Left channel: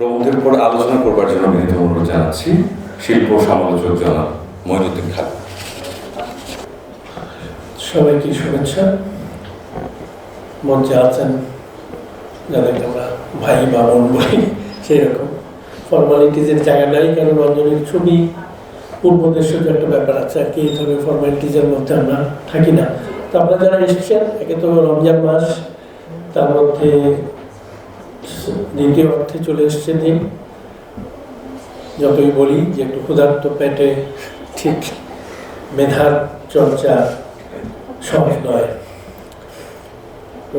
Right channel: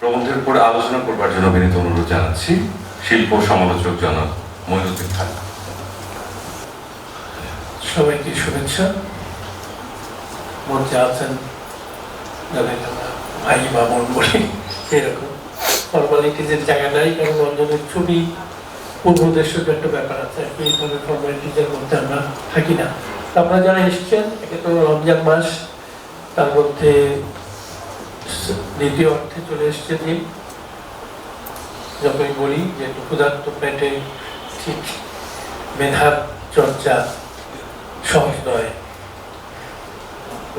প্রবন্ধের উপরে আলোচনা করবার জন্য বিনীত অনুরোধ জানাচ্ছি শিল্প সমালোচক জনাব মঈনুদ্দিন খান। সবাইকে শুভেচ্ছা। মঞ্চে আছেন যাদের আমরা ভাই বা বোন বলি, সেরকম ফর্মালিটিজের জায়গা নাই, কারণ রঞ্জনের ছবি পূর্বদেশের একটা ব্যাপার আছে আর কি, এইভাবে ফর্মালিটিজের মধ্যে আমরা থাকি না। তো আপনারা যারা এসেছেন, একে তো রমজান মাস, তার মধ্যে দ্বিতীয় অর্থে চলে এসছে দিন। যতই বলি যে ক্ষুধার্ত পেটে ঠিক মেধার চর্চা সহজ নয়।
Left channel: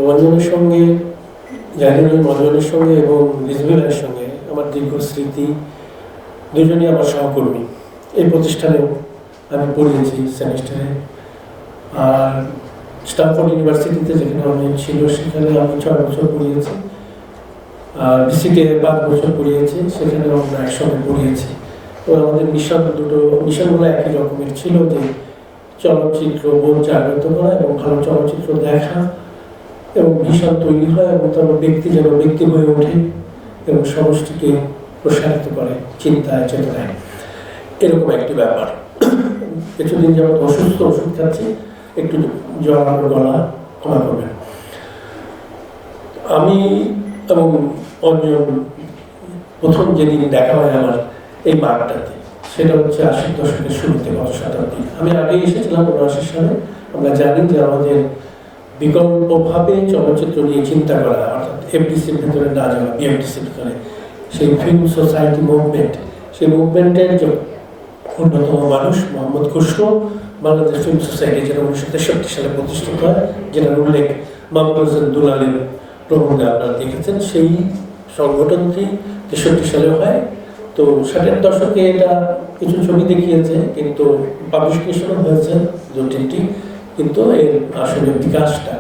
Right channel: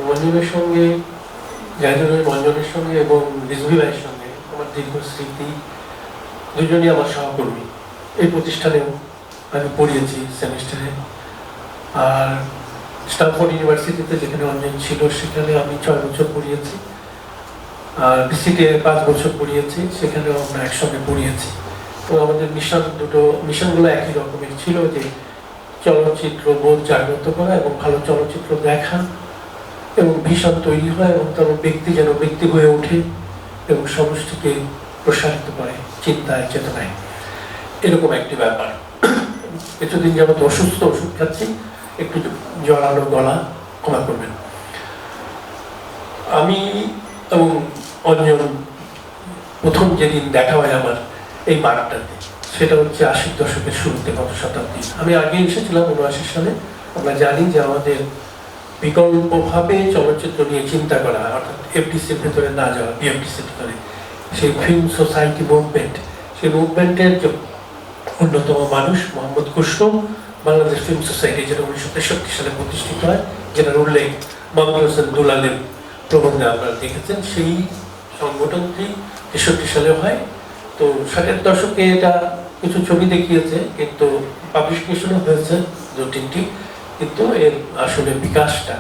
রঞ্জনের সঙ্গে, জাহিদুল রঞ্জনের সঙ্গে এবং রিজভিলের সঙ্গে আমার দীর্ঘ স্মৃতি। দুজনই আমার সহকর্মী, এই প্রতিষ্ঠানেও আমি পড়িয়েছি সেমিস্টারে। আর স্টানফোর্ড ইউনিভার্সিটিতে যেখানে রঞ্জন ছিল সেখানে আমি 6 বছর পড়িয়েছি। আর বিসিতে 5 বছর পড়িয়েছি, সেখানেও আমরা একসঙ্গে পড়িয়েছি। তো আমাদের মিশনগুলো একই রকমের ছিল, যে চলচ্চিত্র বোধ জাগ্রত করা এবং ভালো চলচ্চিত্র দেখা এবং ভীষণ তৈরি হয় এবং তার ব্যক্তি যেন ব্যক্তি হয়ে ওঠে এবং সমষ্টিকে প্রসারিত করে চিন্তায় চেতনায়, এরকম একটি ব্যাপার। কিছুদিন যাবত অসুস্থ, ওষুধ খাচ্ছি, একটু জড়ানো গলা, ক্ষমা করবেন। আমি এবং অঞ্জন প্রথম যেদিন দেখা হয় আমার এই মাঠটাতে, সেটা হচ্ছে 80 দশকের শুরুতে, গত শতাব্দী। আমি আগে এসেছিলাম 79 সালে। আমরা জানি যে আমাদের বিকল্পভাবে চলচ্চিত্র নিয়ে চিন্তা করা, অর্থাৎ এফডিসির ভিতরে না যাওয়া, বিএফডিসির ভিতরে, সেই ফিল্ম সোসাইটি মুভমেন্ট, সেই মুভমেন্টের যে অন্যতম মানুষ মোহাম্মদ খুসরো, বাংলাদেশ ফিল্ম সোসাইটি, যেটা 1963 সালে প্রতিষ্ঠিত হয়, যেটার উল্লেখ মাহমুদ হোসেন দুলালের প্রবন্ধে আপনারা দেখেছেন। সেই সংগঠনটি 63 সালে হয়। তো 60-এর দশকে এটা কিছু ছবি দেখিয়েছে, কিন্তু পাবলিকেশনও হয়েছে 2-3টি, কিন্তু এর আসলে বিকাশটা,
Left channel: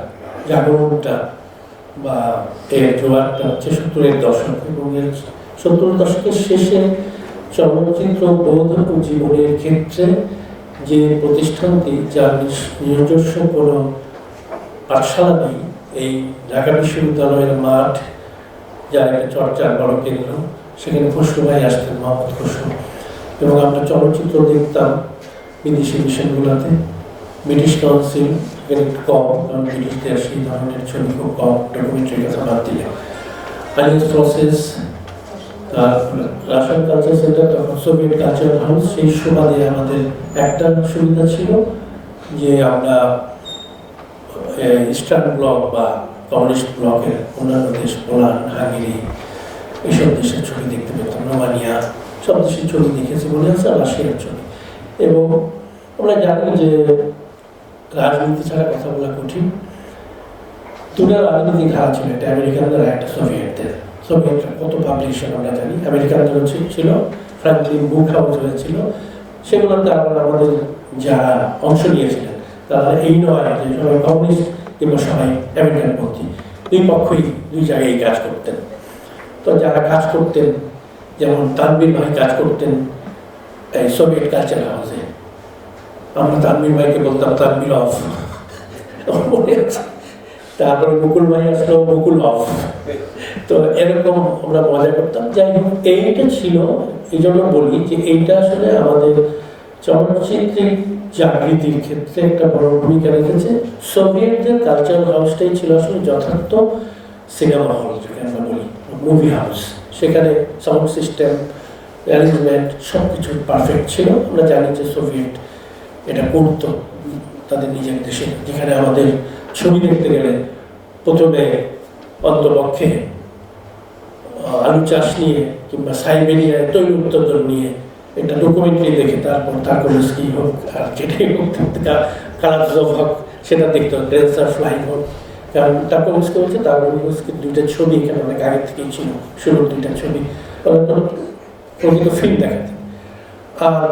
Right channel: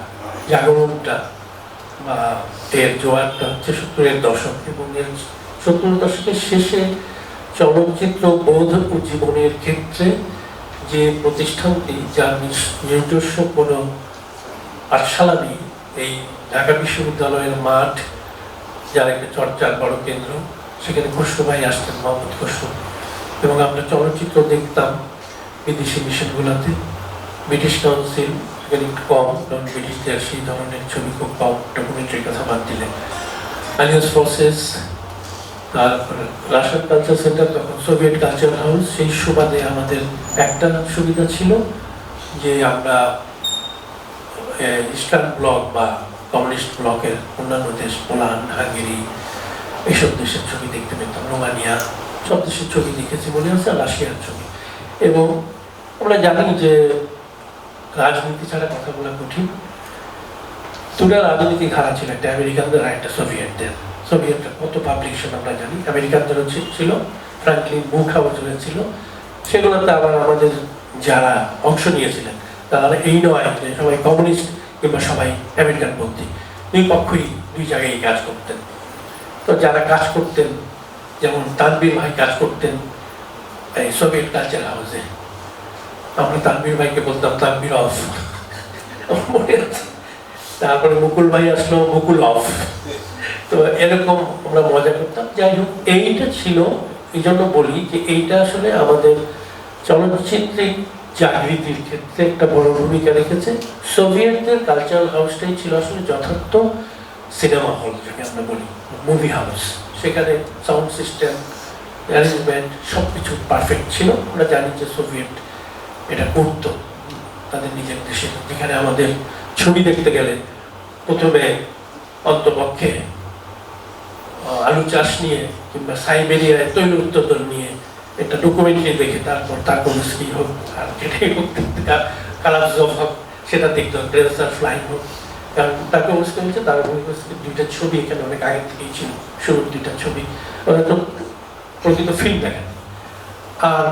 জাগরণটা বা এর জোয়ারটা হচ্ছে 70-এর দশক। এবং এর 70-এর দশকের শেষে চলচ্চিত্র বোধ ও জীবনের ক্ষেত্রে যে প্রতিষ্ঠানটি, যার নিজস্ব কোনো পাঠশালা নেই, এই ঢাকা বিশ্ববিদ্যালয়ের মাঠ, যার একটা চর্চার বড় কেন্দ্র, সেখানে খুসরো ভাই আসতেন, মোহাম্মদ খুসরো, এবং আমরা চলচ্চিত্র দেখতাম বিদেশি মিশনগুলোতে। ব্রিটিশ কাউন্সিল এখানে কম, কারণ ব্রিটিশদের সেই ধরনের ছবি খুব কম, ডকুমেন্টারির কথা বাদ দিলে। আলিয়াস প্রসেস, আর রাশিয়ান কালচার সেন্টার, তখন সোভিয়েত কালচারাল হাউস। সেই সুবাদে আমাদের একটা সুবিধা ছিল যে আমরা ইস্টার্ন ব্লক বা কমিউনিস্ট ব্লকের অন্যান্য দেশ, পোল্যান্ড, হাঙ্গেরি, এইসব দেশের ছবি দেখতে পেতাম। রোমানিয়া, সব দেশের ছবি দেখেছি মনে হচ্ছে, রাশিয়ার ছবি। এবং আমরা জানি যে রাজনীতি ছাড়া কথা বলা কঠিন। দুটা রাজনীতি ধারা ছিল, একটা আমেরিকানদের আর একটা সোভিয়েতদের। সোভিয়েতরা কত পাবলিকেশন আমরা জানি, আমেরিকানদের ছিল ফ্রাঙ্কলিন বুক হাউস হয়েছিল, সেগুলোতে আবার আমাদের যারা অংশ নিয়েছিলেন তারা এই নয় যে সবাই কমিউনিস্ট কিংবা সবাই আমেরিকান পন্থী, দুই পক্ষই দুই জায়গায় কাজ করতেন। তো যারা কাজ করতেন, যেমন তানভীর ভাই কাজ করতেন এই সোভিয়েত কালচার হাউসে, আমরা তানভীর ভাইকে বলতাম তানভীর অফ। তারপরে মুকুল ভাই আসলো, মুকুল অফ। তো এরকম আমরা মজা করতাম। যাই হোক, এইটা ছিল, এই জন্য বলি যে এইটা আসলে আমাদের চলচ্চিত্রের জাগৃতির ক্ষেত্রে একটা বড় ভূমিকা রেখেছে। সোভিয়েতদের কালচারাল হাউসটাই ছিল আসলে যথার্থ সিনেমা হল, যেটা আমরা বলি মুভি হাউস। সেখানে সাউন্ড সিস্টেম, অ্যারেঞ্জমেন্ট সবকিছু পারফেক্ট ছিল। আমরা জানি যে সোভিয়েত এটা করতো তাদের নিজের দেশে, যেখানে আমাদের ছবি দেখতে গেলে প্রথমে অন্তপক্ষে আলু চাষ নিয়ে কিংবা সাইবেরিয়ায় তৈরি উত্তর নিয়ে এটা ডকুমেন্টারি দেখে তারপর তারপরে হোক, আর যেটাই হোক খারাপ হোক সেটা দেখতে হবে, ফ্লাই হোক। কারণ তাকে বুঝতে হচ্ছে, তার দুইটা ছবি এখানে অনেক আগে থেকেই ছিল, শুরুর দুইটা ছবি, তো প্রকৃত ফিল্ম দেখেন। আর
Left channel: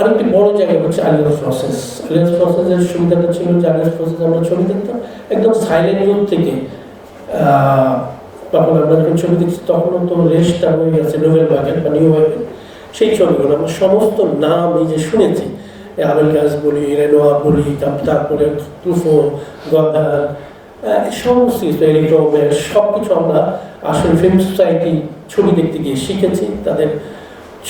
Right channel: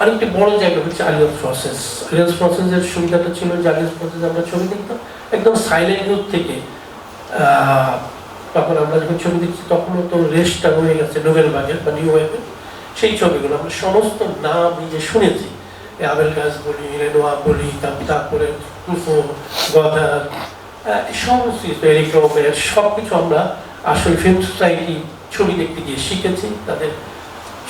আরেকটি বড় জায়গা হচ্ছে আলিয়াস প্রসেস। আলিয়াস প্রসেসের সুবিধাটা ছিল যে আলিয়াস প্রসেস আমরা ছবি দেখতাম একদম সাইলেন্ট রুট থেকে। তখন আমরা যখন ছবি দেখছি তখনও তো রেস্টটা হয়ে গেছে নোবেল বাগের বা নিউ ওয়েভের। সেই ছবিগুলো আমরা সমস্ত নাম নিজে শুনেছি, আবেল গাছ বলি, রেনোয়া বলি, তারপরে কুফো, গদা, সমস্ত এরিক রোমের সব কিছু আমরা আসলে ফিল্ম সোসাইটি ছবি দেখতে গিয়ে শিখেছি, তাদের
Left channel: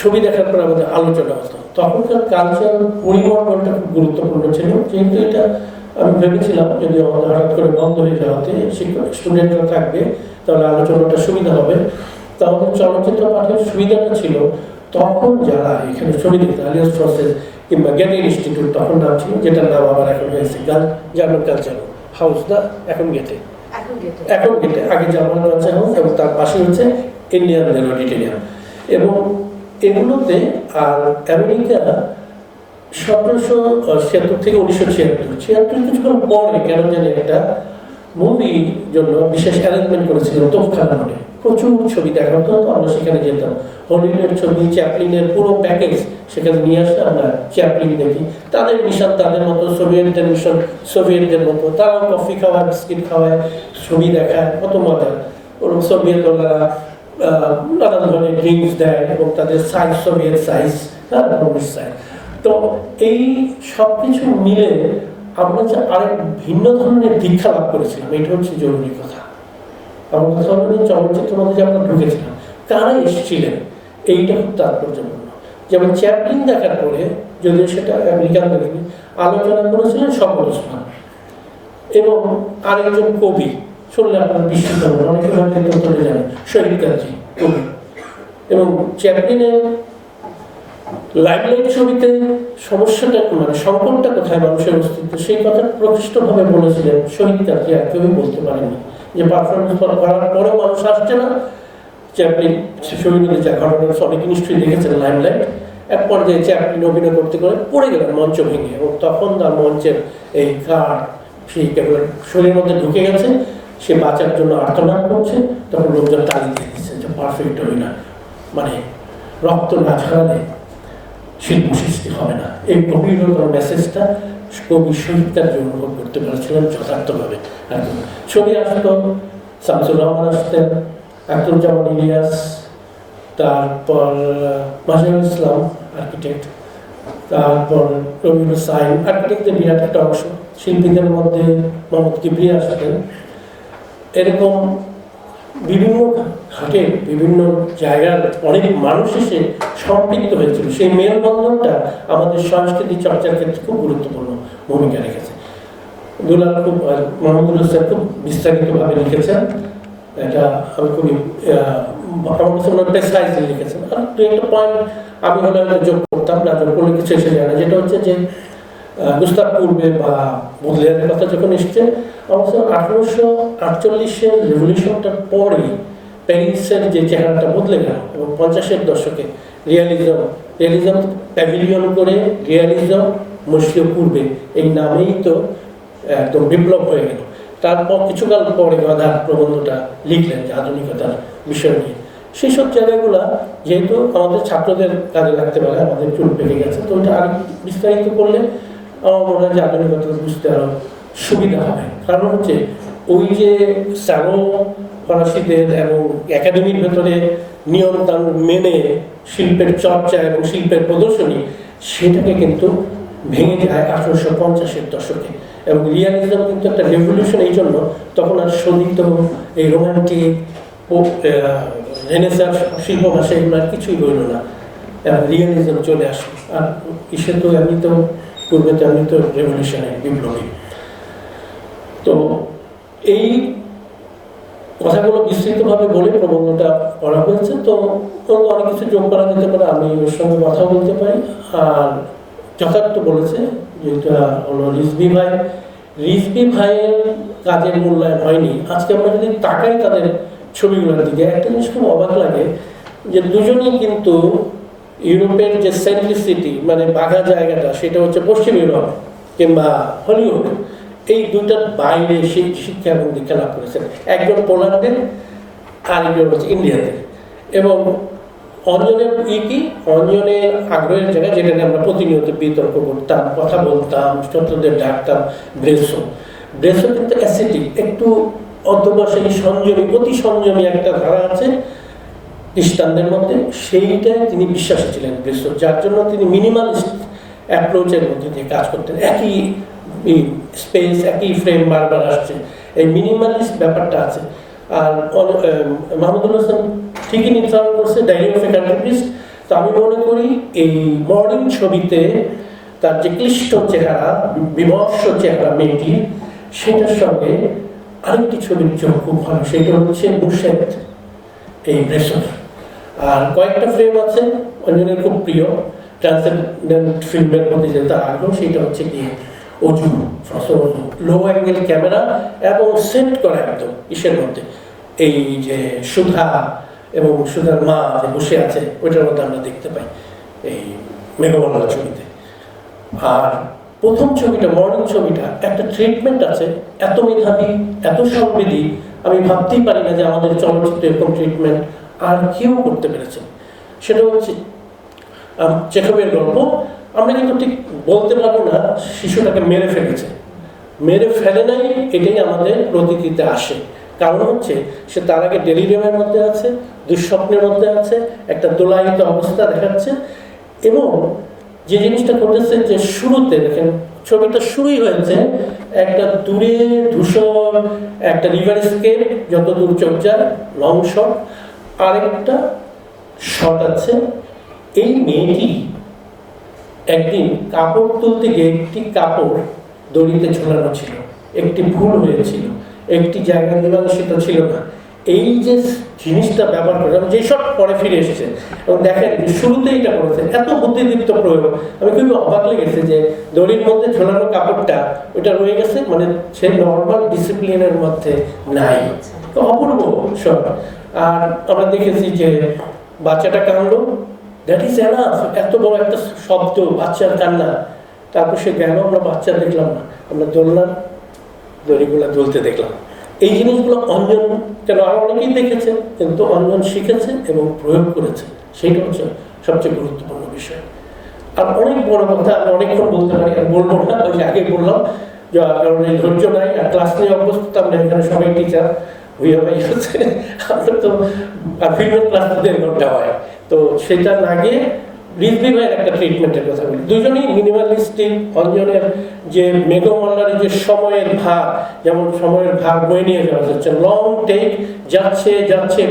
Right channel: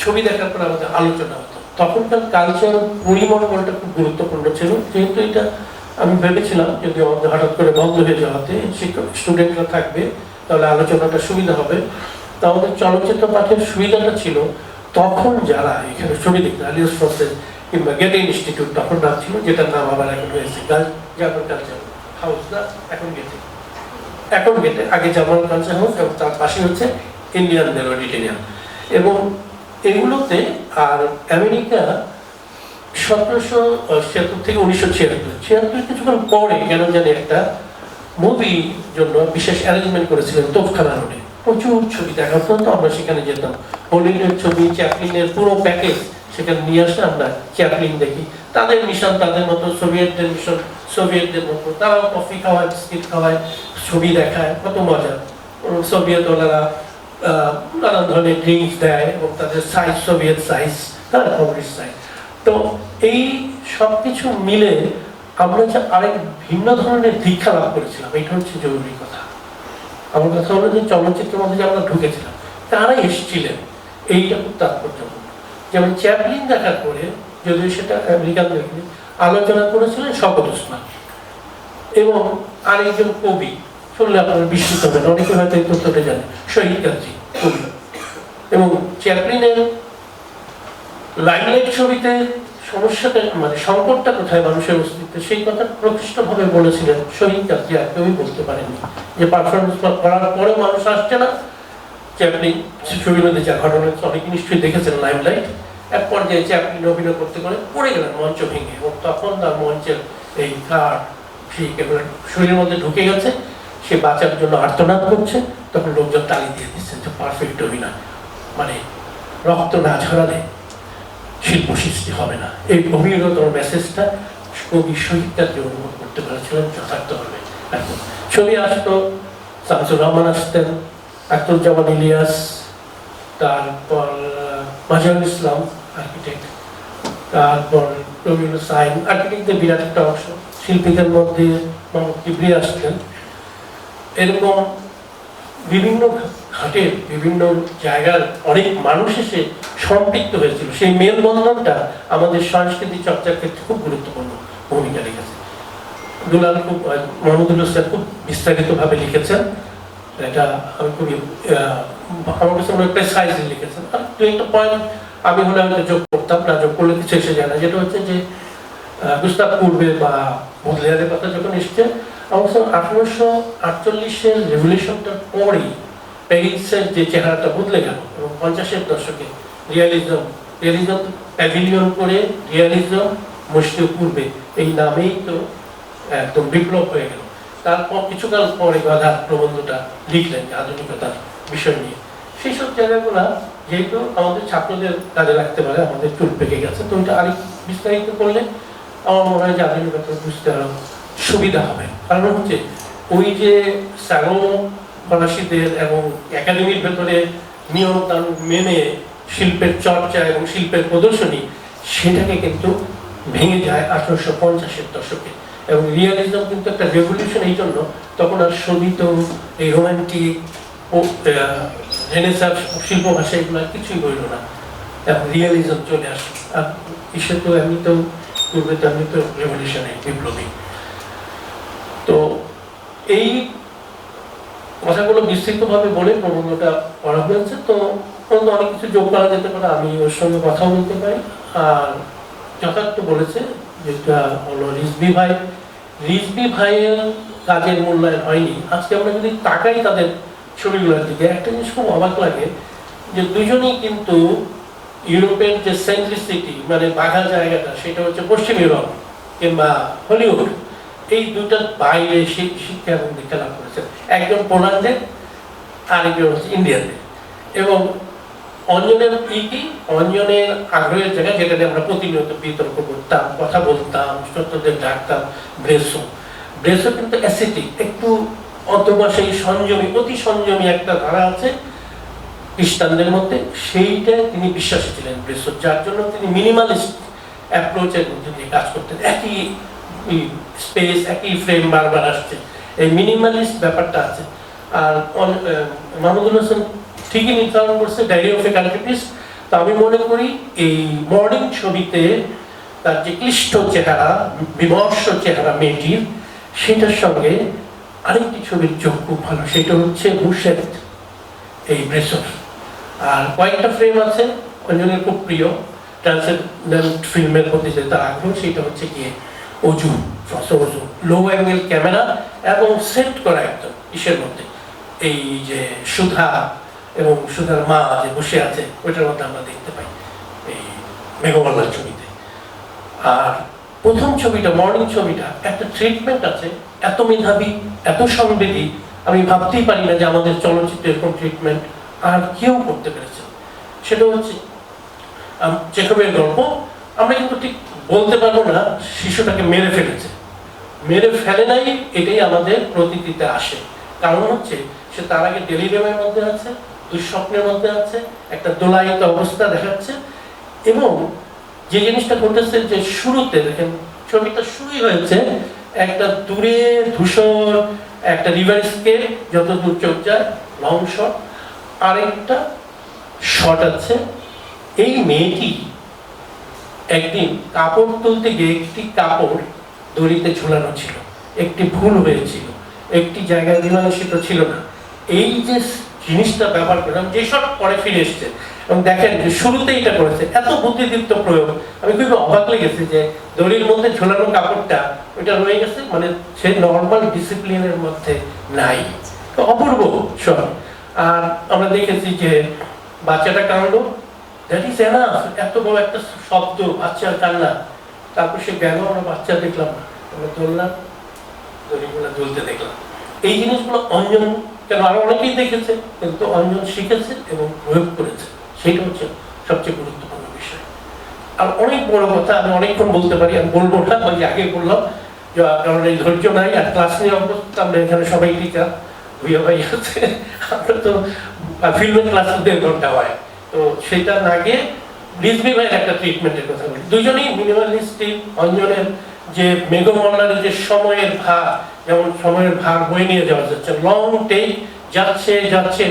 ছবি দেখার পর আমাদের আলোচনা হতো। তখনকার কালচার পরিমণ্ডলটা খুব গুরুত্বপূর্ণ ছিল, যেহেতু এটা আমি ভেবেছিলাম যদি আমাদের হঠাৎ করে বন্ধ হয়ে যাওয়াতে শিক্ষক স্টুডেন্টরা থাকবে তাহলে আলোচনাটা সুবিধা হবে। তো আমাদের চলচ্চিত্র পাঠের সুবিধাটা ছিল তখন যারা এখানে ছবি দেখতেন আলিয়াস প্রসেস কিংবা গেটে ইনস্টিটিউট, তখন নাম ছিল, যেটার নাম আবার এখন হয়েছে জার্মান কালচার হাউস, না এখন গেটে, এখন গেটে, আগে জার্মান কালচার হাউস এবং তার পাশে হচ্ছে ইন্ডিয়ান মেলোডিটেরিয়ান। এবং এগুলোতে আর আমেরিকা 1776 থেকে 1976 কিছুক্ষণ পরে কেন জানি একটা মুভি জন্য বিশেষ অ্যারেঞ্জমেন্ট করেছিলেন তোপখানা রোডে, প্রচুর ছবি দেখা হতো। তো আমরা সেখানে যেতাম, হলিউডের ছবি, চ্যাপলিনের পুরো প্যাকেজ সেখানে নিয়ে আসলে আমরা চ্যাপলিন দেখি। তাদের মিশন তাদের মতো, সোভিয়েতদের মিশন সোভিয়েতদের মতো, তারাও কফি খাওয়ায়, বিস্কিট খাওয়ায়, ছবি দেখায়, কত মজা। সোভিয়েত ওনারা নানান ধরনের ড্রিঙ্কস দেয় এবং তাদের size Soviet size, communist size. তো এই সব কিছু মিলে আমরা যে আরেক ভিন্ন ধরনের দীক্ষা লাভ করেছিলাম, এটা হচ্ছে জরুরি কথা। আমার কথা হলো যে চলচ্চিত্রের মধ্যে যে আমরা ঢুকেছিলাম, তারা এসেছিলেন, এইটা খুব তাৎপর্যপূর্ণ। যেমন চ্যাপলিন দেখার পরে, যদিও সেটা আমেরিকান আলোচনা করেছিলেন শওকত ওসমান এবং আরেকজন কবি, শুনলে আপনারা বিস্মিত হবেন, অনেকে হয়তো এই তথ্যটা জানেন, শহীদ কাজী কবি। এবং চ্যাপলিনের লাইমলাইট ছবিতে সমস্যাটা মানে সংকটটা কোথায় মানুষের অস্তিত্ব, সেই কথা প্রতিষ্ঠিতভাবে বলেছিলেন শহীদ কাজী, আর কেউই বলতে পারেনি। যে পারফরমেন্স করার পরেও মানুষ আসছে না, চ্যাপলিন ছবির মধ্যে যা ঘটনা অনেক নিশ্চয়ই দেখেছেন লাইমলাইট, এক পর্যায়ে চ্যাপলিন অভিনয় করতে করে পড়ে গেলেন মঞ্চ ভেঙে, এবং তখন তার মঞ্চের এই কাঠ সেই একেবারে শরীরের মধ্যে ঢুকে গেছে, সে বাঁচার জন্য আর্তনাদ করছে, তখন লোকজন তালি দিয়ে দিচ্ছে যে পারফেক্ট অভিনয়, মানে রক্ত না ছড়ালে শিল্প সৃষ্টি হবে না। এই গভীরতর মেসেজটা কবি শহীদ কাজী অনুভব করতে পারছিলেন যথার্থভাবে। এখন ছবি আসতো, শামসুর রহমান আসতেন, আখতারুজ্জামান ইলিয়াস, তারপর মাজহারুল ইসলাম আর্কিটেক্ট, তারপর রবীন্দ্র সাইন আর্কিটেক্টের বিরাট একটা অংশ, শিল্পীদের মধ্যে মোহাম্মদ কিবরি আসতেন। এরকম বিভিন্ন ঘাটে বিভিন্ন জায়গার অনেক মানুষ এসে সম্পৃক্ত হয়েছিল। সেই মেলবন্ধনটা আমাদের সংস্কৃতি চর্চার ক্ষেত্রে খুব গুরুত্বপূর্ণ ভূমিকা রেখেছে। দুলাল খুব মোহাম্মদুল হোসেন খুব বিস্তারিতভাবে লিখেছেন, এটা আমি খুবই আমার কাছে অনেক প্রেসাইজলি লিখেছেন। আর দু একটা পয়েন্ট আমি হলে যোগ করতাম, না যোগ করলে কিছু এসে যায় না, যেটা হচ্ছে যে গুস্তাভ পূর্বে বা বদলিয়ারের কথা যখন এসেছে, অবশ্য 1848-এর রেভলিউশনটার পরেই প্যারিসের যে চেহারাটা বদলে গেল এবং 50-এর দশকে রিয়ালিজম প্যাভিলিয়ন করে রিয়ালিজম মসজিদ পূর্বে এই নামেই তো একদম বিপ্লব হয়ে গেল। তারপর কিছুকাল পরে বাধার প্রবন্ধটা লিখলেন যে আধুনিকতার বিষয় নিয়ে। সেই সব জায়গাগুলা যেহেতু আমাদের ছাত্রদের কাজে লাগতে পারে, আমাদের চুল পেকে গেছে, তো ওইটা আরেক বিস্তারিত করলে আমার মনে হয় যে আধুনিকতা বুঝতে আরো সুবিধা হবে। কারণ হচ্ছে ওই যে স্যাগো ফরাসিদের এবং একাডেমির ভেতরে নিয়ম কানুন মেনে শিল্পের চর্চা এবং শিল্পের প্রদর্শনী, সেটাকে কিন্তু ভেঙে যায় 1850-এর দশকে। এবং রিয়ালিজম কিন্তু একটা রেভলিউশন, এই জন্য তখন আর শোধিত এই রোমান্টিক রেনেসাঁস শিল্প ভাষা এগুলো আর কিছুই বলল না, এবং রিয়ালিজম চলে আসে। আর ঈশ্বর তো আমি তো পূর্বে তো আমি তো রেভলিউশনে বিপ্লবী। তো এই কথাগুলো বিস্তৃতভাবে বলে প্রবন্ধটা করা হয়েছে। তো অনেক কিছু যোগ করা যেতে পারে, আমি ওর সঙ্গে কথা বলতে পারি। আর যথার্থ বলেছে যেটা হলো রিজভী ভাইয়ের কাজের মূল্যায়ন হয়নি। আজকে আমরা যদি তাকাই তাদের ছবিগুলোর দিকে, একটা জিনিস খুব অবাক লাগে যে দুজনেই কিন্তু ইউরোপের যে সেন্ট্রিসিটি মানে বাঘা জায়গাটা, সেটা হচ্ছে পশ্চিম ইউরোপ কিংবা হলিউড, এই দুটার বাইরে শিক্ষা এবং দীক্ষা লাভ করেছেন। একজন পোল্যান্ডে, আরেকজন হচ্ছে ইন্ডিয়াতে। এবং অঞ্জনের অঞ্জনের আগ্রহের জায়গা, যেটাতে আমরা প্রতিনিয়ত বিতর্ক করতাম, কথা বলতাম, ছাত্রদের ডাকতাম, ব্রেসো কিন্তু অ্যাসিটিক, একটু অধ্যবসায়ী, সংযমী, অতি সংযমী একটা ধারা আছে খ্রিস্টানদের মধ্যে, সেইটা তিনি বিশ্বাসী ছিলেন ব্রেসো, যার জন্য তিনি মিনিমালিস্ট অ্যাপ্রোচের মধ্যে দিয়ে কাজ করতেন। একই স্পেস, একই ফ্রেম বারবার আসছে, এই মিনিমালিস্ট ব্যাপারটা আছে। আর মাহমুদুল হাসান ঠিকই নির্ধারণ করছে ডায়েরি অফ এ কার্টুনিস্ট। তো আমি মনে করি এই মর্নিং ছবিতে তার যে ক্লিষ্ট চেহারা, বিমর্ষ চেহারা মেয়েটির, সেটার সঙ্গে আরেকটি ছবির যোগ খুব ভালো, সেটা হচ্ছে মুর্শেদ এই ব্রেসর। আর কয়েকটা ফ্রেম আছে অঞ্জনের খুব প্রিয় ট্রান্সেন্ডেন্ট ফিল্মের প্রতি যে তার আগ্রহ, সেটা হচ্ছে গিয়ে অজু, অজু লো অ্যাঙ্গেল ক্যামেরা এবং সেট করা একদম ইসের মধ্যে, এই যে সুধা এবং সুধার মা যে বসে আছে ওইটার মধ্যে আমরা দেখতে পাই এই মেঘমাল্লার ছবিতে। আর প্রথম ছবিটা মর্নিং ছবিটা একটা ট্রিটমেন্ট আছে, এত মেধাবী, এত সংবেদী, আমি ভাবতেই পারি না যে আমাদের চলচ্চিত্রে এরকম ট্রিটমেন্ট আর কেউ করতে পেরেছে। সেটা হচ্ছে চেখবের গল্প, আমরা কিন্তু ঠিক বলতে পারবো না শিশুটাকে মেরে ফেলেছে, মেরে ফেলে নাই, এটাই আমাদের প্রতীকীতে আসে। কারণ হচ্ছে সে তার আগে ডেলিরিয়ামের মধ্যে আছে, দুঃস্বপ্নের মধ্যে আছে, একটা দোলায়িত অবস্থা দেখাচ্ছে। এবং যে জিনিসটা ঘটেছে যে শুরুতে দেখেন ছবিটা শুরুই হয়েছে একটা দূরে ধূসর একটা রিভার স্কেপ, যত দূর চোখ যায় লং শট, আরেকটা শট আছে এই মেয়েটি একদিন কাপড় তুলতে গিয়ে একটি কাপড় দড়িতে ঝোলানো ছিল, একটি ভুল হয়েছিল, একটি জায়গা মীমাংসিত ছিল না। এই যে জিনিসটা ব্যবহার করে যে সব পরে ফিরে এসেছে এবং দেখেন যে শুরুতেই এটা করেছে, এত বুদ্ধিদীপ্ত প্রয়োগ। আমি খুবই অবাক লেগেছে যে দড়ির মধ্যে ঝোলানো কাপড়টা ওইটা রয়ে গেছে, মানে সে নর্মাল ডিসিপ্লিনের মধ্যে নাই, অপূর্ব সব। আর আমরা দেখেছি যে বাচ্চাটা কাঁদলো, দ্যাট ইজ এনাফ, এত বড় একটা শব্দ বাচ্চার কান্না। তারপর সে গেল, আমরা বাচ্চা দেখলাম না, আমরা দোলনা দড়িগুলো দুলতে দেখলাম। এই জিনিসগুলো অঞ্জন কেন আরো অনেকেই দেখেছে, কিন্তু অঞ্জন শিখেছে এবং প্রয়োগ করেছে, সেইটা হচ্ছে সবচেয়ে গুরুত্বপূর্ণ বিষয়। আর অনেক বড় কথা আমি অনেকক্ষণ বলতে পারি, আমি বলবো না, ওই যে আগে বললাম যে কারণ এই ধৈর্য নাই আর ক্লাস নিয়ে অবস্থা, আমরা এখানে সবাই টিচার ভুইয়া ভাই আছে, আমরা তো ফিল্মের ক্লাস দেওয়া হয়, তো সেটা লাগে রিজভি ভাইয়ের একটা ট্রিটমেন্টের কথা বলি। দুজনেই মিনিমালিস্টিক। অঞ্জনের যে মেঘমাল্লার যে সময়ের ভাগ, যেমন সময়ের ভাগ বয়ে নিয়ে যাওয়া যাচ্ছে, লং টেক যাচ্ছে যাচ্ছে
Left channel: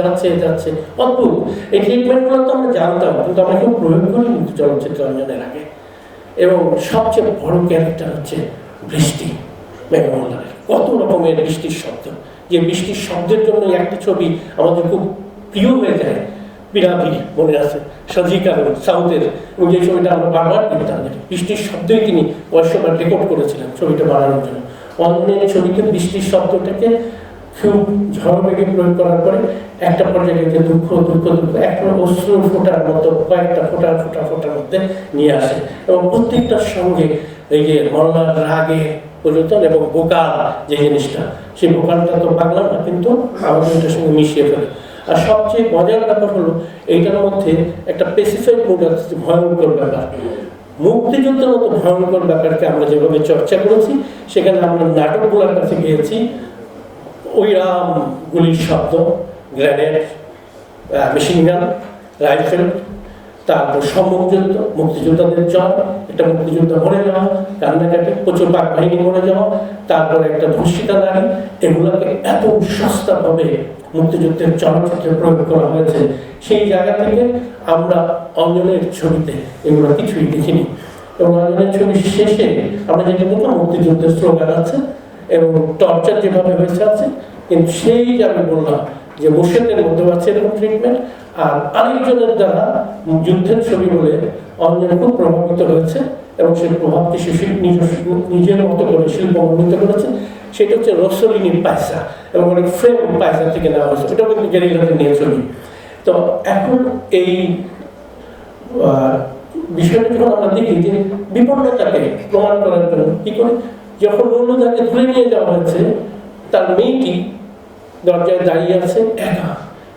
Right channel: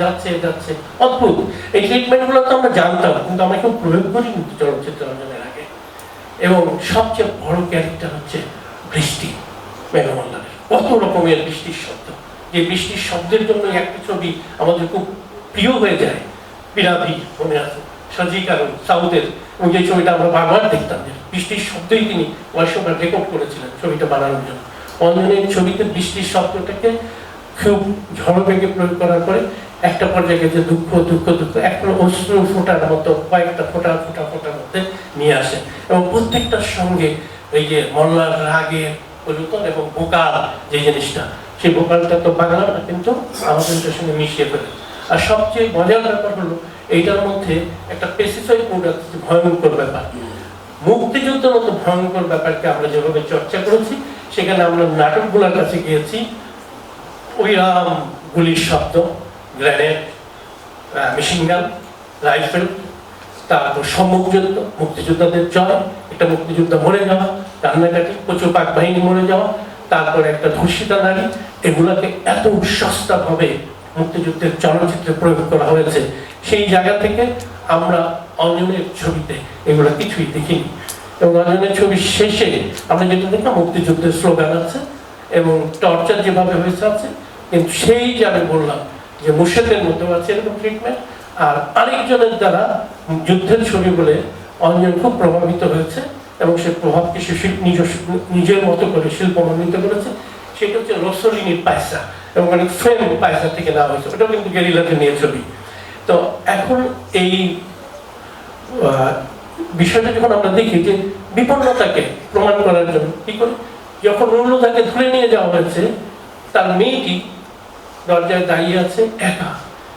যাচ্ছে যাচ্ছে, অদ্ভুত। এই ট্রিটমেন্টগুলো তো আমরা জানতাম, কিন্তু আমরা কেউ প্রয়োগ করি চলচ্চিত্র অঞ্জনের আগে। এবং সবচেয়ে বড় ক্যারেক্টার হচ্ছে বৃষ্টি, মেঘমাল্লার কত রকমের বৃষ্টির শব্দ, যে বৃষ্টির শব্দের জন্য একটা ছবি আমাদের খুব প্রিয় হয়ে যায়। পিরাবি মনে আছে, সজিকার সাউথের যে ছবিটা আমরা বারবার দেখতাম, বৃষ্টির শব্দই তিনি কয়েকশোবার রেকর্ড করেছিলেন ছবিটা বানানোর জন্য। অঞ্জনের ছবিতে বৃষ্টির শব্দটাকে খুব ঝড় বেগে প্রয়োগ করার পরে একটা পর্যায়ে যে দুঃখ দুঃখ দুঃখ একটা অশ্রু ফোটার মতো কয়েকটা ফোটা ফোটা ফোটার মধ্যে নিয়ে আসে, এবং প্রত্যেকটার সঙ্গে এই যে মল্লার রাগের পরিবর্তন এবং ভোকাল যে জিনিসটা, সেই ভোকালটা তো বাংলা না, কিন্তু আমাদের সঙ্গে মিশিয়ে ফেলে। আর সবচেয়ে মজার ব্যাপার হলো এইটার মধ্যে একটা স্পেসিফিক মুড আছে, ভয়ঙ্কর ব্যাপার। মুক্তিযুদ্ধের মতো ভয়ঙ্কর ব্যাপারকে আমরা যেভাবে চর্চা করেছি, সেখানে আমরা নাটকগুলোর কাছে গিয়েছি, ওইরাম গুলির শব্দ, গ্রেনেড, মেশিন গান, রাইফেল, তারপর সম্মুখযুদ্ধ, মুক্তিযোদ্ধাদের জয়, এটা মুক্তিযুদ্ধ মরে যাওয়া, কান্নাকাটি, প্রচুর পাক বাহিনী মরে যাওয়া, তারপর একটা ধর্ষিতা নারী, এগুলোকে এত সস্তাভাবে মুক্তিযুদ্ধের চলচ্চিত্রে প্রয়োগ করা হয়েছে। সেই জায়গা থেকে আমরা অঞ্জনের ছবিতে এগুলো কিছুই দেখিনি, এবং অঞ্জনের ছবির শেষে আমরা যেটা দেখলাম মুক্তিযুদ্ধের স্লোগান আছে এবং টর্চার যেভাবে হয়েছে আছে, কিন্তু সেই যে আমি বললাম যে মুর্শেদের মধ্যে আছে এরকম ট্রিটমেন্ট। আর আরেকজনের দ্বারা যুদ্ধের ছবি বলে অঞ্জন খুব প্রভাবিত হয়েছে এবং সে প্রভাবকে সে নিজের মতো করে শিল্পমণ্ডিত করেছে, সেটা হচ্ছে রসলিনীর পায়সা, এবং মানে ফ্রেম পায়সা থেকে নেওয়া হয়েছে, ওটা কিন্তু গেরিলাতে নিয়ে ছবি। তো এখন এই বিষয়টা যখন আমরা দেখি যে বিপন্নতাকে প্রমাণ করার জন্য কি করে, যখন রুলুদাকে ধরে নিয়ে যাওয়া হয়েছে, তার মেয়েটি দরজায় দাঁড়িয়ে আছে একা,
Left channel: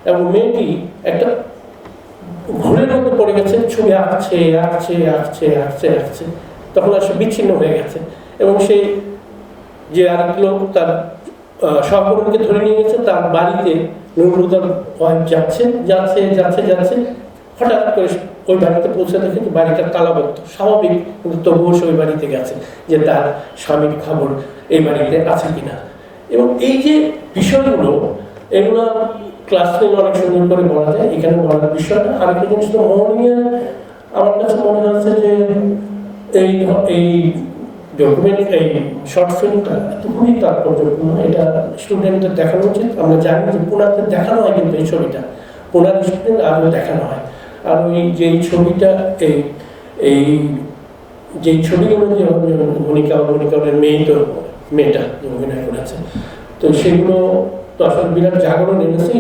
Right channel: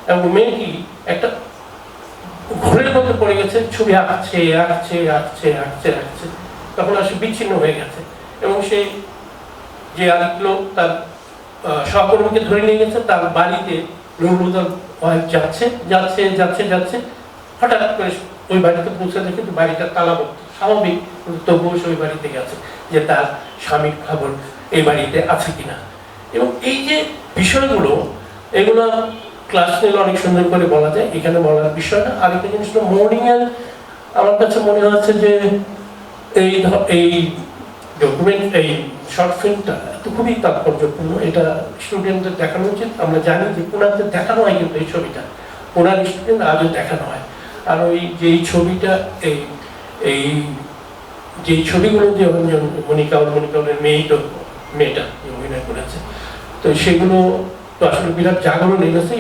এবং মেয়েটি একটা ঘোরের মধ্যে পড়ে গেছে, ছবি আঁকছে আঁকছে আঁকছে আঁকছে আঁকছে, তখন আর সে বিচ্ছিন্ন হয়ে গেছে। এবং সে যে আরেক লোক তার সহকর্মীকে ধরে নিয়ে গেছে তার বাড়িতে, রুলুদার ওয়াইফ যাচ্ছে যাচ্ছে যাচ্ছে যাচ্ছে, হঠাৎ করে ওই বাড়িতে পৌঁছাতে কিন্তু বাড়িটা তালাবদ্ধ, স্বাভাবিক, কিন্তু তবুও ওই বাড়িতে গেছে যে তার স্বামীর খবর এই বাড়িতে আছে কিনা। এবং এই যে বিষয়গুলো এগুলো ক্লাস নিয়ে অনেক সুন্দর করে বলা যায়, এখানে বলার বিষয় না। আরেকটা জিনিস হলো মর্নিং এর আমার কাছে মনে হচ্ছে যে এই ডকুমেন্ট এই শর্ট ফিল্মটা খুবই তাৎপর্যপূর্ণ, এটা স্টুডেন্টদের দেখানো উচিত। আমরা জানি যে পুরাতে দেখানো হয়, কিন্তু এই ছবিটা পুরান স্টুডেন্ট আগে দেখানো হয়। আর ওই যে এই ছবিটা এই যে ছবিগুলো যে মনিকার মেয়েটা অভিনয় করেছে, তো সেগুলো তো আসলে বিরাট জাগরণ লেগেছে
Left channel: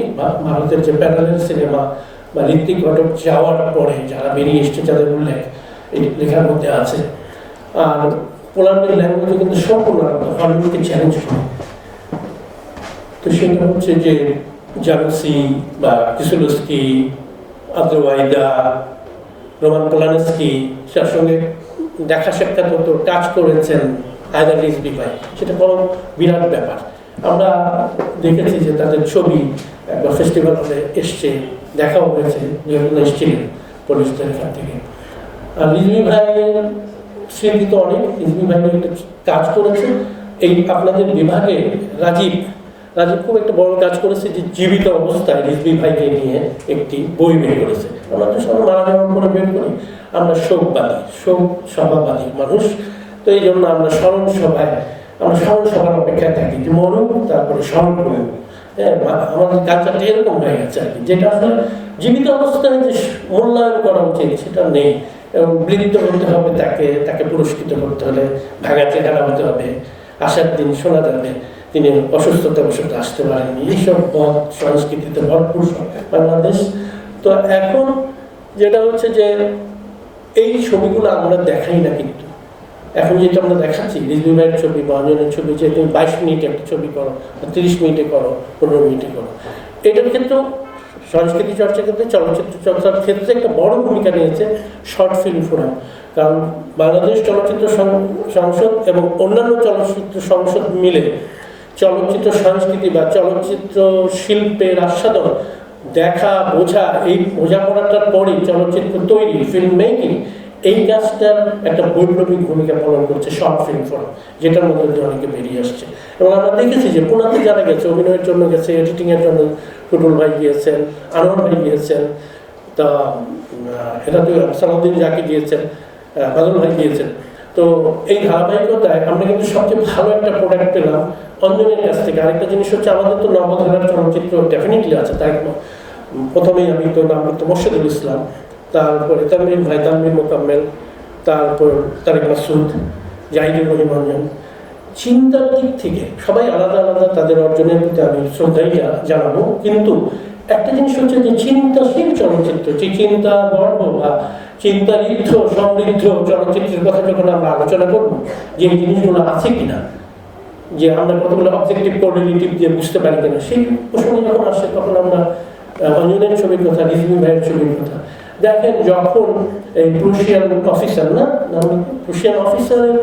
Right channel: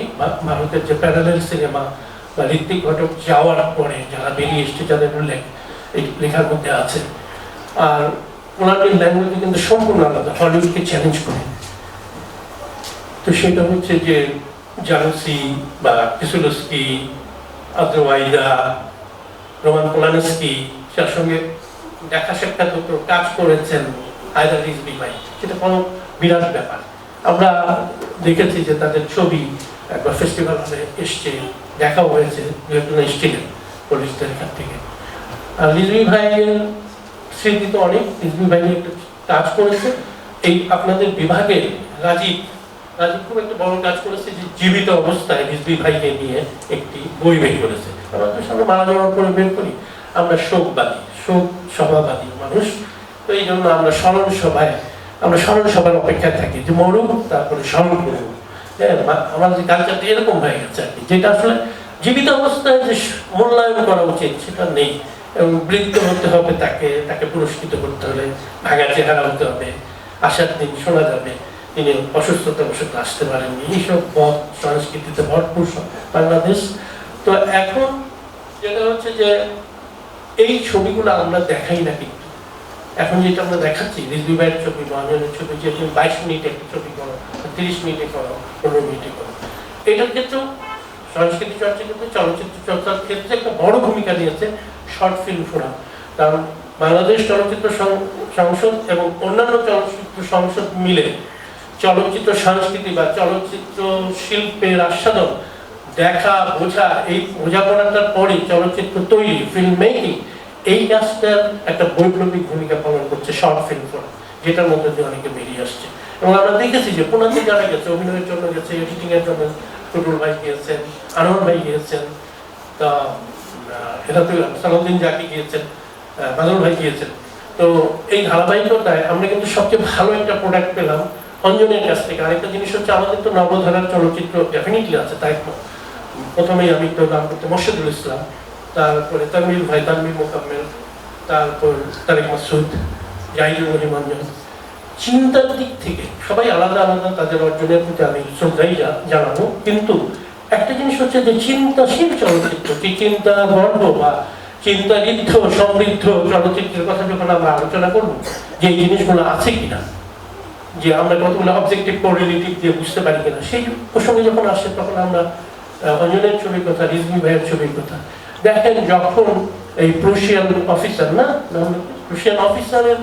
ভারতের যে প্যারালেল সিনেমা বা ঋত্বিক ঘটক যাওয়ার পরে যারা বেরিয়ে এসছে, যাদের উল্লেখ এই লেখার মধ্যে আছে। আর ওনাদের ল্যাঙ্গুয়েজে কিন্তু সম্পূর্ণ আলাদা, হলিউডকে চ্যালেঞ্জ করে। তো সেটা হচ্ছে যে জানসি বা কিসুলস্কি, আদ্রওয়াইদা, রোমান পোলানস্কি, তার সঙ্গে দেখা সাক্ষাৎ হতো, কাজ করেছেন হায়দার রিজভী ভাই, সেটা বড় বিরাট ব্যাপার। আমরা দেখেছি যে তাদের ছবি একবার ফেস্টিভ্যাল হলে এসছে, দেখাও হয়েছে, এসেছিলেন পুলিশদের এখান থেকে। আর রিজভী ভাইয়ের স্মৃতি তো অনেক, রিজভী ভাই একটা কাজ করেছে এই আপনাদের বিভাগে। রাজীব খুব একটা বড় কাজ করেছে, যে জীবিত অবস্থায় রিজভী ভাইকে নিয়ে একটি বই বের করেছে। আমাদের সঙ্গে মারা যাওয়ার পরে বের করি, আমরা শোক সভাবাদী মানুষ, তো এই জন্য আমরা স্মরণ সভার অপেক্ষায় থাকি যে মরুক তারপরে স্মরণ করুক। আমাদের কালচারটা এরকম হয়ে গেছে আর কি, যেটা আসলে জীবিত অবস্থায় যে মূল্যায়ন করা উচিত সেটা নেই। এবং বৃদ্ধ হতে হবে, তাকে পুরস্কৃত করতে হলে ভাঙা চেহারা হতে হবে, আসার দিন শোনা যাবে তিনি অসুস্থতার বসে আসতে পারেননি, এইসব পথ সংস্কৃতিতে ভরপুর বাংলাদেশ। তো এখন যেটা হচ্ছে যে এই ছবিগুলো আমরা দেখাই না, কিন্তু এখন যেটা আমরা দেখাচ্ছি রিজভী ভাইয়ের ছবি বা অঞ্জনের ছবি, যে তুমি 22 মিনিটের ছবি করো, 30 মিনিটে করো, 15 মিনিটে করো, এটার ক্ষেত্রেও সংস্কৃতি চর্চা ক্ষেত্রে, চলচ্চিত্র চর্চার ক্ষেত্রে একটা বড় ভূমিকা নিয়েছে শর্ট ফিল্ম ফোরাম। কারণ বাংলাদেশ চলচ্চিত্র সংসদ এবং অন্যান্য চলচ্চিত্র সংসদ মিলে চলচ্চিত্র সংস্কৃতি বা চলচ্চিত্র শিল্পের আস্বাদন, দেখা, বোঝা, এই বোঝাপড়াটার পরে চলচ্চিত্র তৈরি, ফিল্ম মেকিং, এই কাজটার একটা বৈপ্লবিক ভূমিকা পালন করছে শর্ট ফিল্ম ফোরাম, যেটার মধ্যে দিয়ে অনেকে বেরিয়ে আসছে। এবং আমরা দেখেছি যে পুনাতে যারা গেছে, অভিনয়ের জন্য গেছে, এডিটিং এর জন্য টুটুল ভাই গিয়েছেন, আনোয়ার ভাই গিয়েছেন, তা সালাউদ্দিন জাকি গিয়েছেন, বাদল ভাই গিয়েছেন। তো এই ধারাবাহিকতায় আমরা কিন্তু সবচেয়ে ভালো একটা প্রোডাক্ট পেলাম অঞ্জনের কাছ থেকে। আরেকটা জিনিস হচ্ছে, আমাদের তো নবধারার চলচ্চিত্র ডেফিনেটলি আছে, তাই প্রথমেই আমি পেলাম মোর্শেদুল ইসলাম, তারপরে তানভীর ভাই, তানভীর মোকাম্মেল, তারপর তারেক মাসুদ, জাহিদুল মহিমঞ্জন। চিন্তার দিক থেকে সবাই আলাদা আলাদা, তাদের অর্জনের প্রতি আমি শ্রদ্ধাই জানাবো, কিন্তু একটা জিনিস হচ্ছে যে চিন্তাশীল চলচ্চিত্র, যে চিন্তা গর্ভ বা চিন্তাঋদ্ধ সমৃদ্ধ চলচ্চিত্রের কথা যখন আমরা আলোচনা করবো, যে জিনিসগুলো আছে কিনা, যে আমরা কতগুলো অবজেক্টিভ কোরিলেটিভ দিয়ে বুঝতে পারি কিনা, সেই প্রসঙ্গে যখন আসে তখন আমরা অঞ্জনের ছবির কথা, রিজভী ভাইয়ের ছবির কথা দেখেন। যখন এই প্রুশিয়ান অফিসার প্রুশিয়ান অফিসারের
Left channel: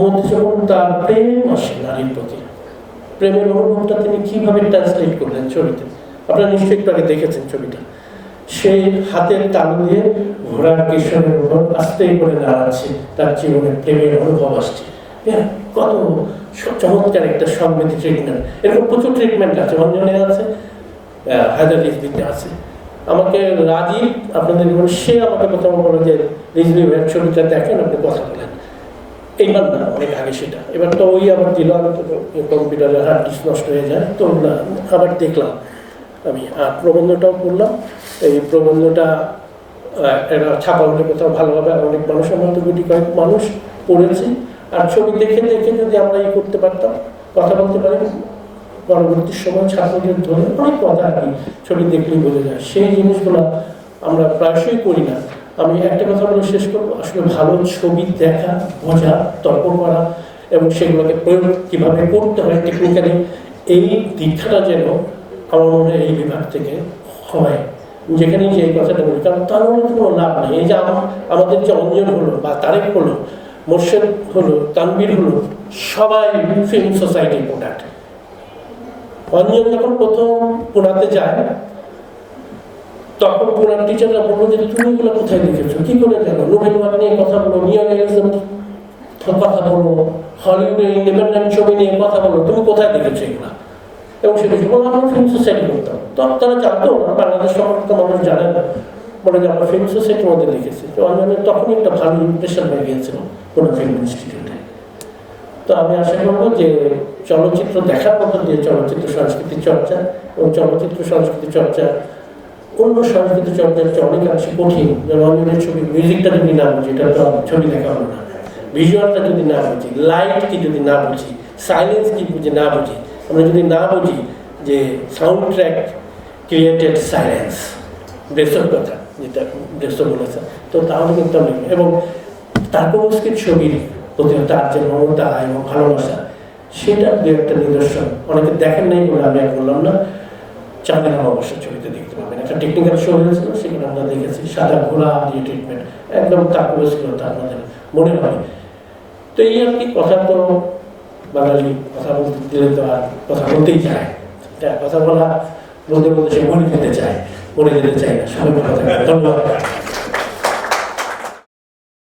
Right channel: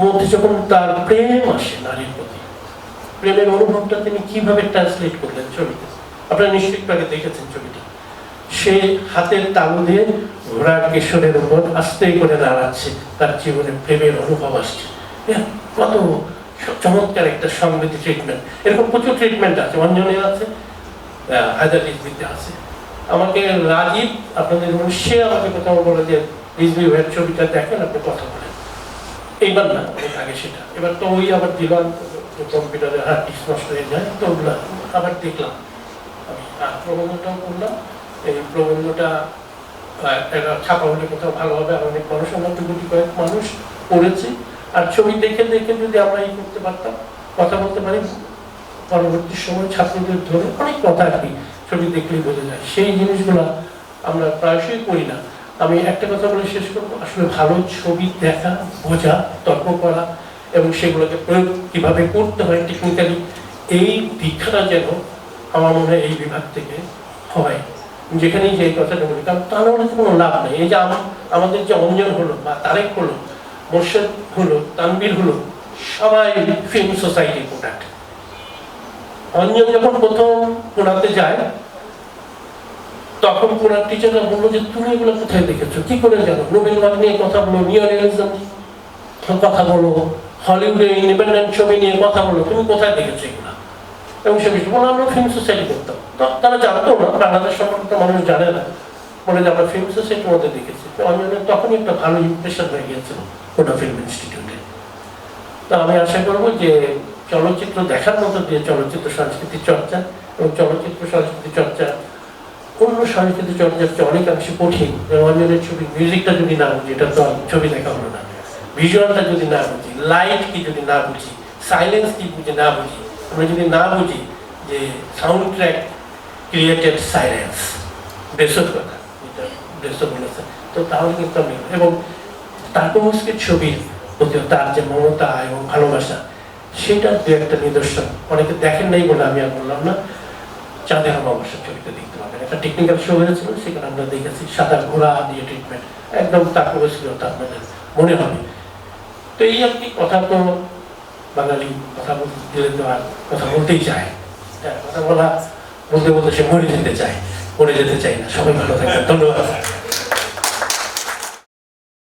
মধ্যে যখন তার প্রেম আসে নারীর প্রতি, প্রেমের অনুভবটা তিনি কিভাবে ট্রান্সলেট করলেন ছবিতে, আপনারা নিশ্চয়ই একটু আগে দেখেছেন ছবিটা। সে হাতের তালু দিয়ে ঘোড়ার কেশরের উপর আস্তে করে দাঁড়াচ্ছে, তার জীবনে প্রেমের অনুভব আসছে। হ্যাঁ, কত চমৎকার একটা সংগীত ট্রিটমেন্ট। এরকম প্রচুর ট্রিটমেন্ট আছে, অঞ্জনে আছে, হায়দার রিজভীতে আছে। আমাকে রাজীব আপনাদের সে আমাকে কথা বলে যে রিজভী ভাইয়ের ছবিটা দেখেন, আপনি কথা বলেন। এইবার না, অনেক আগে সেটা, এবার তো ওই আবার দিল, কম্পিউটারের হার্ড ডিস্ক নষ্ট হয়ে যায়, তো আবার দেখলাম আমি, আর প্রবন্ধটাও করলাম। এই প্রবন্ধটা ছাপা বলে কোথাও ভালো হবে, অনেক মানুষ, আমাদের গুটি কয়েক মানুষ পড়েছে। আর ছবি দেখে দেখে যদি আমরা ই করতে পারতাম, কথা বলতে পারি, পরবর্তী সময় ছাত্রদের জন্য অনেক কথা আর কি ছবি দেখলেই বোঝা যায়, সেই জিনিসগুলো আমরা প্রায়শই করি না। আমি একটা কথা বলে শেষ করবো, আসলে ভালো ছবি দেখা, বোঝা, তর্ক করা এবং সেগুলোকে প্রয়োগ কিভাবে করতে হয় টেকনিক্যালি, এই দীক্ষাটা যেন আমার মনে হয় এই বিভাগ থেকে হয়। যেখানেই যে এই কথাটা বলি, কারণ তার মনে কোনো লাভ নেই। এই যে আমাদের যে অঞ্জন হলো বা তারেক হলো, মোর্শেদ হলো, তানভীর হলো, সবাই ফিল্ম সোসাইটির প্রোডাক্ট। অঞ্জন যখন প্রথম পুনাতে যায়, তখন পুনার টিচাররা বললো যে তুমি এগুলো কোথায় দেখেছো, কি করে জানো, নোবেল ভাগ নিয়ে কথা বলো, নিওরিয়ালিজম কথা বলো, হলিউডের ইন্ডিপেন্ডেন্ট ছবি নিয়ে কথা বলো, তুমি কোথায় দেখেছো এগুলা? এবং সে বিষয়ে বলে আমরা ফিল্ম সোসাইটি করতাম। তো তারা জানতো না, বাংলাদেশ সম্পর্কে মানুষ জানে না, বলে যে আমরা ফিল্ম সোসাইটির মধ্যে দেখেছি। তো আমি তখনই একটা ভালো ইমপ্রেশন হয়ে গিয়েছিল ওটা ফিল্ম ইনস্টিটিউটে। তো আমি আশা করবো যে চলচ্চিত্র দেখার মধ্য দিয়ে চলচ্চিত্র সংস্কৃতি চর্চা এবং চলচ্চিত্র সংস্কৃতি চর্চা অন্য সংস্কৃতি চর্চার চেয়ে অনেকাংশে কঠিন। যেমন যদি ছবির মিউজিকটা যদি না বুঝি, এটা তো ছবি দেখা হলো না। ভিজুয়ালটা যদি না বুঝি, লাইট কি যদি না বুঝি, সাইলেন্স কি বুঝে না বুঝি, আমরা যদি না বুঝি যে সাউন্ড ট্র্যাক ক্রিয়েটেড সাইলেন্স, বেসক কথা যেটা বেসক বলেছে, তো তাহলে কিন্তু আমি এবং তারপর ছবির প্রতি তার যে মমতা এবং ভালোবাসা, সেটার দু একটা নিদর্শন অনেকে দেখেন নাই বলে আমি আর বললাম না। চাঁদের অমাবস্যার ছবিতে দেখতে পাবেন, একটা টেকনিক্যাল শো হয়েছিল, সেখানে আমরা দেখেছি সাদা ঘোড়া দিয়ে ট্রিটমেন্ট, একদম তাৎপর্য ছিল, তা আপনাদের মনে হবে। তো এই আর কি, কথা তো বাঙালি কথা বলতে তো আর কথা বলতেই চায়, কথা বলতে বলতে সে মরে যেতে চায়, মরে যেতে চায় না। সবাই ভালো থাকে, ধন্যবাদ।